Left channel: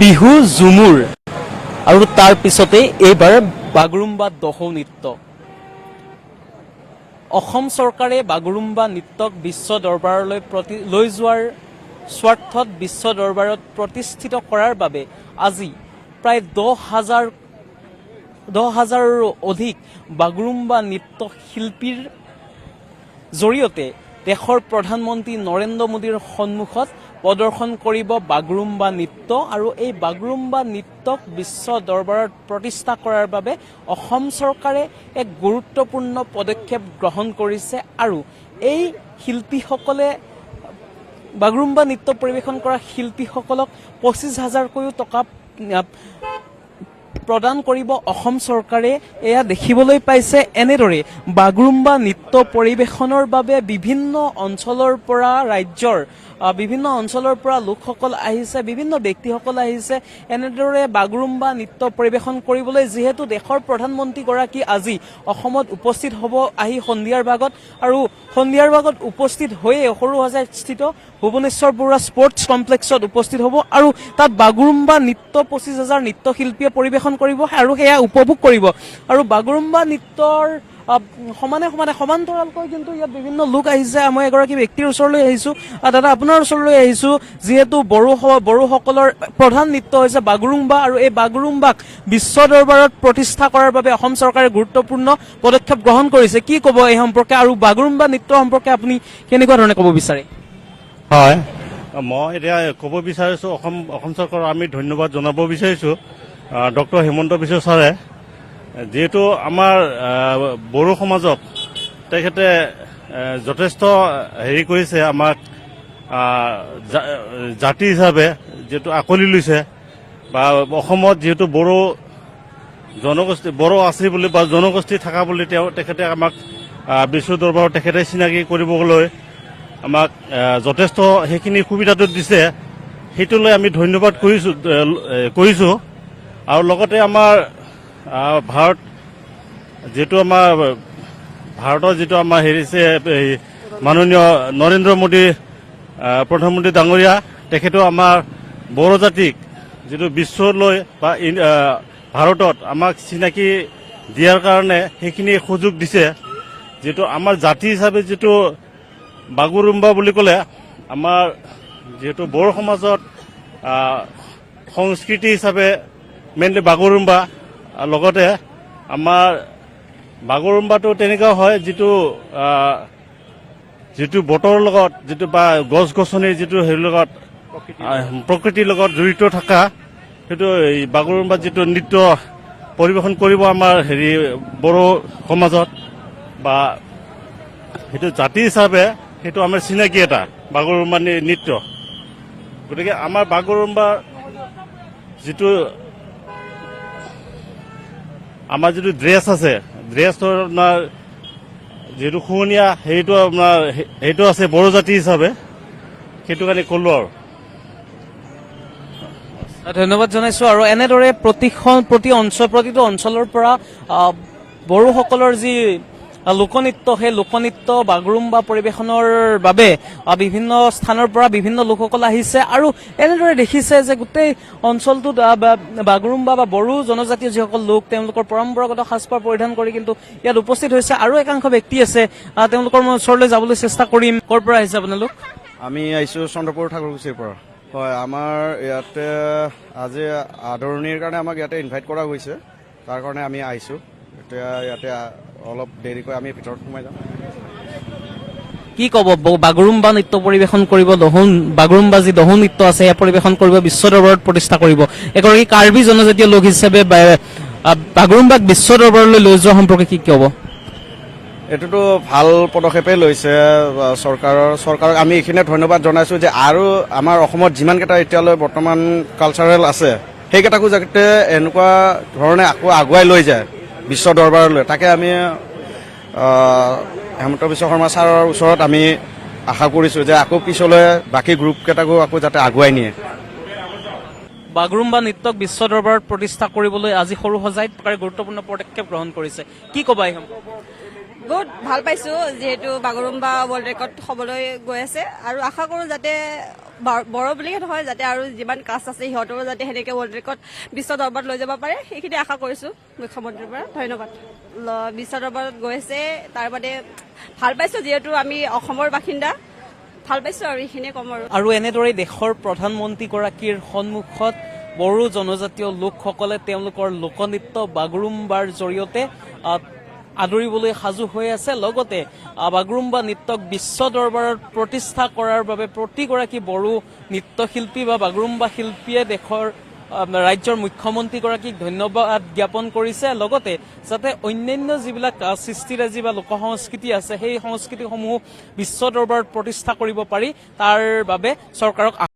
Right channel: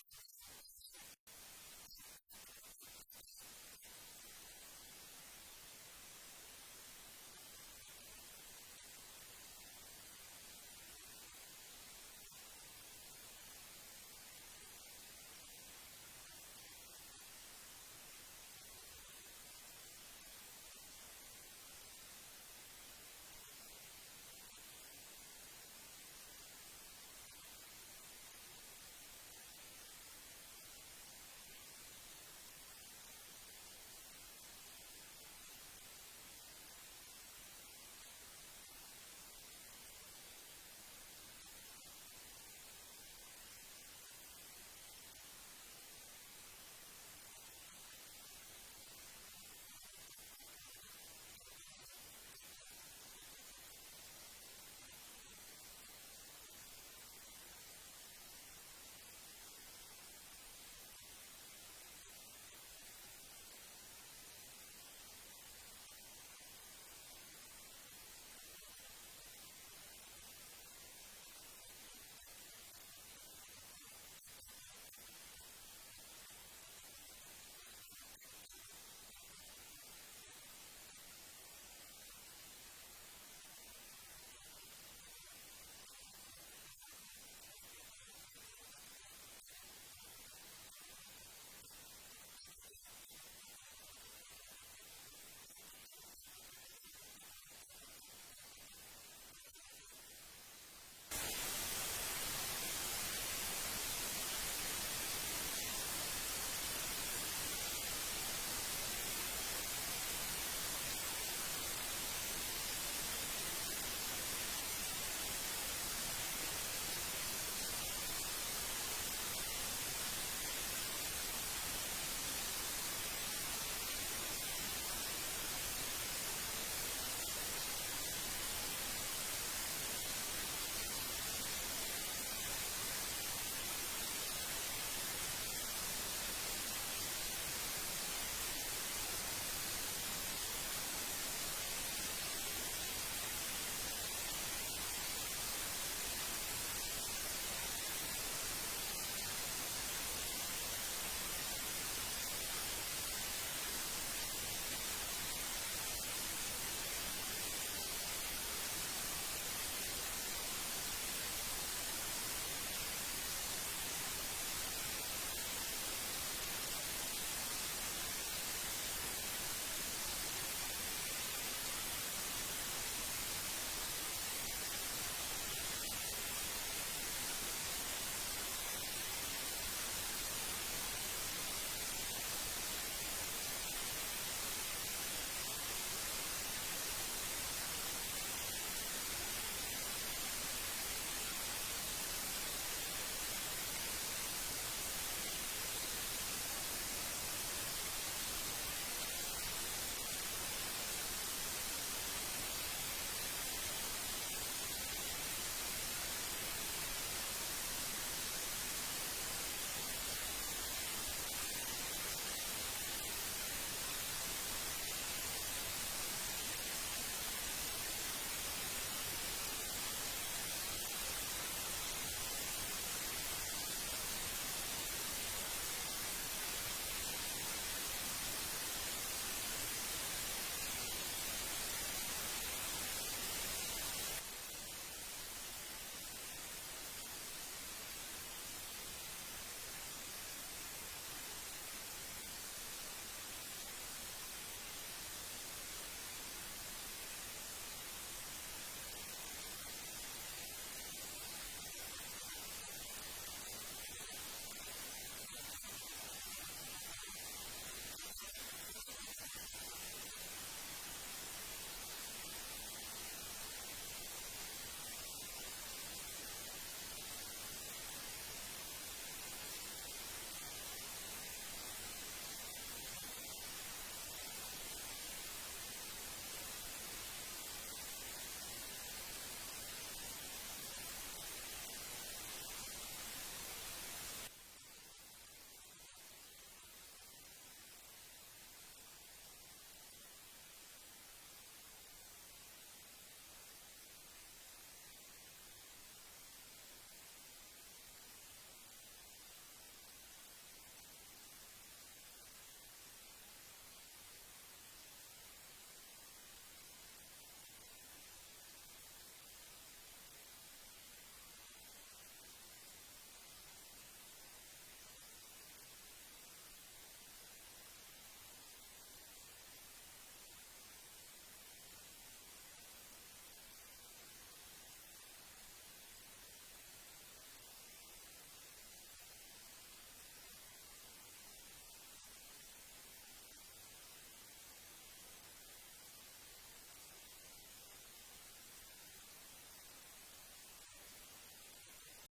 বিহু ঝুমুৰ আৰু তাৰ পিছতে এইবাৰ বাগৰুম্বা দহৌ নৃত্য। অসম চৰকাৰে বাগৰুম্বা নৃত্যক বিশ্ব দৰবাৰলৈ লৈ যোৱাৰ স্বাৰ্থত বিশ্ব দৰবাৰত প্ৰতিষ্ঠিত কৰাৰ বাবে আজি প্ৰায় 10,000ৰো অধিক বাগৰুম্বা নৃত্য শিল্পীৰ জৰিয়তে দেশৰ প্ৰধানমন্ত্ৰী নৰেন্দ্ৰ মোদীৰ সন্মুখত প্ৰদৰ্শন কৰিব বাগৰুম্বা নৃত্য। আৰু এই বাগৰুম্বা নৃত্যক বিশ্ব দৰবাৰত প্ৰতিষ্ঠা কৰাৰ বাবে অসম চৰকাৰে এক গুৰুত্বপূৰ্ণ পদক্ষেপ গ্ৰহণ কৰিছে। আৰু এই শিল্পীসকলে বাগৰুম্বা নৃত্য পৰিৱেশন কৰা শিল্পীসকলক 25,000কৈও টকা প্ৰদান কৰিব অসম চৰকাৰে। এয়া দেখিবলৈ পাইছে এনেদৰে বাগৰুম্বা নৃত্য পৰিৱেশনৰ বাবে বিভিন্ন অঞ্চলৰ পৰা ৰাজ্যৰ বিভিন্ন অঞ্চলৰ পৰা লোকসকল আহিছে, বিভিন্ন ব্যক্তিসকল আহিছে এনেদৰে বাগৰুম্বা নৃত্য পৰিৱেশন কৰিবলৈ। যিহেতু দেশৰ প্ৰধানমন্ত্ৰীগৰাকী আজি অসমত উপস্থিত হ'ব আহি সন্ধিয়াৰ ভাগত, আৰু সন্ধিয়াৰ ভাগত উপস্থিত হৈয়ে সৰুসজাইস্থিত ভুৱনেশ্বৰ বৰুৱা স্পৰ্টছ কমপ্লেক্সত উপস্থিত হ'ব আৰু তাত বাগৰুম্বা নৃত্য 25,000 নৃত্যশিল্পীয়ে পৰিৱেশন কৰিব আৰু সেয়া উপভোগ কৰিব। আৰু বাগৰুম্বা নৃত্যৰ সমান্তৰালকৈ কিন্তু ইয়াত বিভিন্ন লোক আহিছে। মই এগৰাকী ব্যক্তিৰ ওচৰলৈ আহিছোঁ। দাদা, আপোনাৰ ওচৰলৈ আহিছোঁ। যিহেতু বড়োসকলৰ প্ৰধান নৃত্য হৈছে বাগৰুম্বা, আৰু এই বাগৰুম্বাক বিশ্ব দৰবাৰত প্ৰতিষ্ঠা কৰাৰ বাবে অসম চৰকাৰে গুৰুত্বপূৰ্ণ পদক্ষেপ গ্ৰহণ কৰিছে। কি ক'ব এই সম্পৰ্কে, আৰু বাগৰুম্বা নৃত্য সম্পৰ্কে আপুনি কেনেকুৱা ধৰণে ক'ব বিচাৰে? হয়, মই এতিয়া ক'ব বিচাৰিছোঁ অসম চৰকাৰক আমি ধন্যবাদ জনাব বিচাৰিছোঁ ডক্টৰ হিমন্ত বিশ্ব ছাৰে, যিহেতু আমাৰ বড়ো সমাজত তেখেতে যথেষ্ট হেৰি কৰিছে, আমাক জাতি হিচাপে যিহেতু আঁকোৱালি লৈছে, বা অসমত যিহেতু বড়ো আছে বুলি বা জনগোষ্ঠী থকা বুলি তেখেতে আমাক বিশ্ব দৰবাৰত তেখেতে চিনাকি কৰিবলৈ আমাক যথেষ্ট সেইখিনি সুবিধাটো দিছে। সেইটোলৈ আমি ধন্যবাদ কৰিছোঁ। আৰু লগতে আমাৰ ভাৰতৰ যিটো আমাৰ হেৰিছে মাননীয় নৰেন্দ্ৰ মোদী প্ৰধানমন্ত্ৰী ডাঙৰীয়া, তেখেতেও আমাৰ বড়ো জাতিক যিটো বিশ্বলৈ বা ভাৰতত আমাক চিনাকি দিয়াৰ কাৰণে সেইখিনি সুযোগ দিছে। যিটো আমাৰ জাতি হিচাপে যিটো বাগৰুম্বা বুলি ক'লে, আমাৰ যিহেতু বড়ো সমাজত সংস্কৃতি হিচাপে মেইনলি বাগৰুম্বা, লগতে আমাৰ বাগৰুম্বাটো তেনেকুৱা হয় যিটো বতৰৰ লগত যিটো বা গছ গছনিৰ যিটো হেৰিৰ লগত প্ৰকৃতিৰ লগত জড়িত থকা, সেইটো এই বাগৰুম্বা যিটো নৃত্য পৰিৱেশন কৰিব আমাৰ বড়ো সমাজত, বা সেইটো জাতি হিচাপে সেইটো আমাৰ চিনাকি এটা বাগৰুম্বা নৃত্য। গতিকে আমাৰ বাগৰুম্বা যিটো আমাৰ যিটো ড্ৰেছ আছে, ড্ৰেছৰ আপোনাৰ যিটো শুৱনীয়া সেইটো আছে বড়ো জাতি হিচাপে, সেইটো কাৰণে ক'লো আৰু। ধন্যবাদ জনাইছোঁ। আৰু এনেদৰে প্ৰতিটো অঞ্চলৰ পৰা বড়োসকলৰ যি লোকনৃত্য, সেই লোকনৃত্য বাগৰুম্বা পৰিৱেশনৰ বাবে বিভিন্ন স্থানৰ পৰা বিভিন্ন লোকসকল আহিছে। আৰু এনেদৰে দেখিছে যে গোটেই অঞ্চলটোত বাগৰুম্বা বা বড়ো জনজাতীয় যিসকল লোক, তেওঁলোকৰ পৰম্পৰাগত সাজপাৰ পৰিধান কৰি কিন্তু ইয়াত উপস্থিত হৈছে। আৰু একাংশ ব্যক্তি আছে, তেওঁলোকৰ মই ওচৰলৈ যাবলৈ চেষ্টা কৰিম। ক'ৰ পৰা আহিছে আপোনালোক? আমি আহিছোঁ চন্দ্ৰপুৰ ঠাকুৰকুছিৰ পৰা। হয়, আমাৰ ইয়াতে আজি আদৰণিৰ কাৰণে আমাক ইয়াতে ইনভাইট কৰা হৈছে, তাৰ কাৰণে আমি আহিছোঁ। এতিয়া ইয়াতে অলপ দেৰিকৈ আমি ভিতৰত সোমাই যাম। কি ক'ব, বাগৰুম্বা নৃত্য পৰিৱেশন কৰিব, বাগৰুম্বা যি দহৌ নৃত্য আছে সেয়া পৰিৱেশন কৰিব, বিশ্ব দৰবাৰত প্ৰতিষ্ঠা কৰিব। এগৰাকী কাৰ্বি জনজাতীয় লোক হিচাপে বাগৰুম্বাক বিশ্ব দৰবাৰলৈ লৈ যোৱা সম্পৰ্কে কি ক'ব? এইটোতো ভাল পদক্ষেপেই লৈছে চৰকাৰক আমি এইখিনিয়ে ধন্যবাদ জনাইছোঁ, যে আৰু আমাৰ অসমত যিমানকেইটা এতিয়ালৈ বৰ্তমান কালচাৰেল আছে, সেইকেইটাকো যাতে এনেকুৱা ধৰণে আকৌ আগুৱাই লৈ যায় বিশ্ব দৰবাৰলৈ, তাকে আমি হেমন্ত বিশ্ব শৰ্মা ছাৰৰ ওচৰত আমি আশা কৰিছোঁ যে আকৌ পিছলৈ বাকী গ্ৰুপকেইটাকো আকৌ যাতে আগুৱাই নিয়ে। বাগৰুম্বা নৃত্যক বিশ্ব দৰবাৰত প্ৰতিষ্ঠা কৰিবলৈ আজি সৰুসজাইত গুৰুত্বপূৰ্ণ পদক্ষেপ গ্ৰহণ কৰিছে। কি ক'বা এই সম্পৰ্কে? বহুত ভাল পাইছোঁ, যিহেতু বাগৰুম্বা ৱৰ্ল্ড ৰেকৰ্ড হ'বলৈ গৈ আছে, আৰু আশা কৰোঁ যাতে বড়ো বুলিয়ে নহয়, যাতে আৰু যিমান কাষ্ট আছে সিহঁতৰো যাতে সেনেকৈ ৱৰ্ল্ড ৰেকৰ্ড বিশ্ব দৰবাৰত লৈ যাব পাৰে, সেইখিনি আশা কৰিছোঁ মুখ্যমন্ত্ৰীৰ পৰা। ধন্যবাদ। বিশ্ব দৰবাৰত গৈছে, তাৰ বাদে ভাল পাইছোঁ, যিহেতু আমি অসমৰ বাসিন্দা, ভাল পাইছোঁ আৰু এইখিনিয়ে ক'ম আৰু। আৰু এনেদৰে দেশৰ প্ৰধানমন্ত্ৰীগৰাকীৰ সন্মুখত বড়ো জনজাতীয় লোকসকলে তেওঁলোকৰ লোকনৃত্য বাগৰুম্বাৰ জৰিয়তে আদৰিবলৈ সাজু হৈ আছে। লগতে বাগৰুম্বা নৃত্যক বিশ্ব দৰবাৰত প্ৰতিষ্ঠা কৰাৰ বাবে প্ৰতিগৰাকী বড়ো নৃত্যশিল্পী বা বাগৰুম্বা শিল্পীয়ে দেশৰ ৰাজ্যৰ মুখ্যমন্ত্ৰীগৰাকীক ধন্যবাদ জ্ঞাপন কৰিছে। লগতে যাতে অন্যান্য যিবিলাক সৃষ্টিৰাজি বা লোক সংস্কৃতি আছে সেই সংস্কৃতিসমূহ বিশ্ব দৰবাৰত প্ৰতিষ্ঠা কৰিব পাৰি তাৰ বাবে চৰকাৰক